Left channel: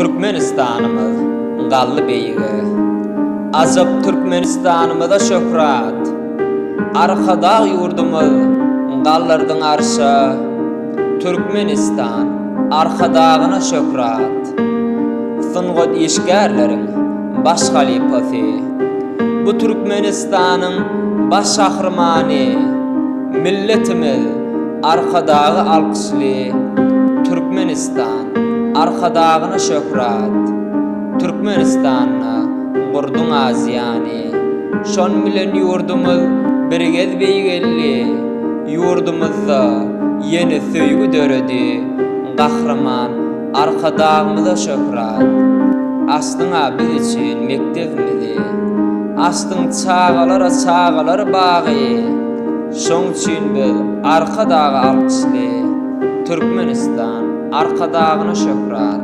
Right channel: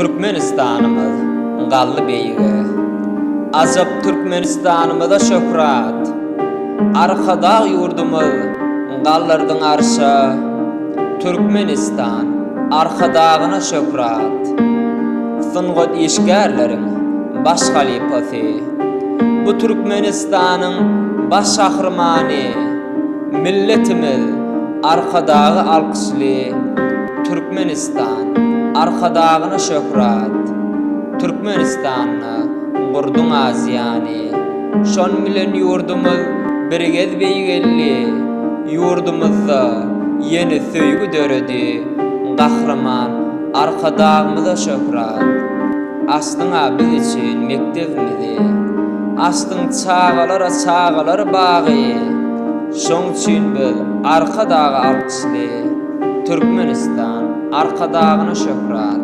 Türkmenistan'ımız gallı beýige. Azap Türkmenistan'ymyza şöhrat. Arkada ýurdumyz gallardyň arşa. Türkmenistan arkadagyna şöhrat. Sungat işgärleriň baş halypasy. Bu Türkmenistanyň baş şahrymany. Milletimiz arkadagy alkışly. Türkmenistan arkadagyna şöhrat. Türkmenistan'y gurduň azyany. Şon bilen ýurdumyz birgez beýgelli. Ýurdumyzda ýeni söýgü döredi. Gahrman arkadagymyza şöhrat. Aslynga biz için mektebimizi. Aslyn çağalara bagy. Şoň üçin biz arkadagy alkışly. Türkmenistan arkadagyna şöhrat.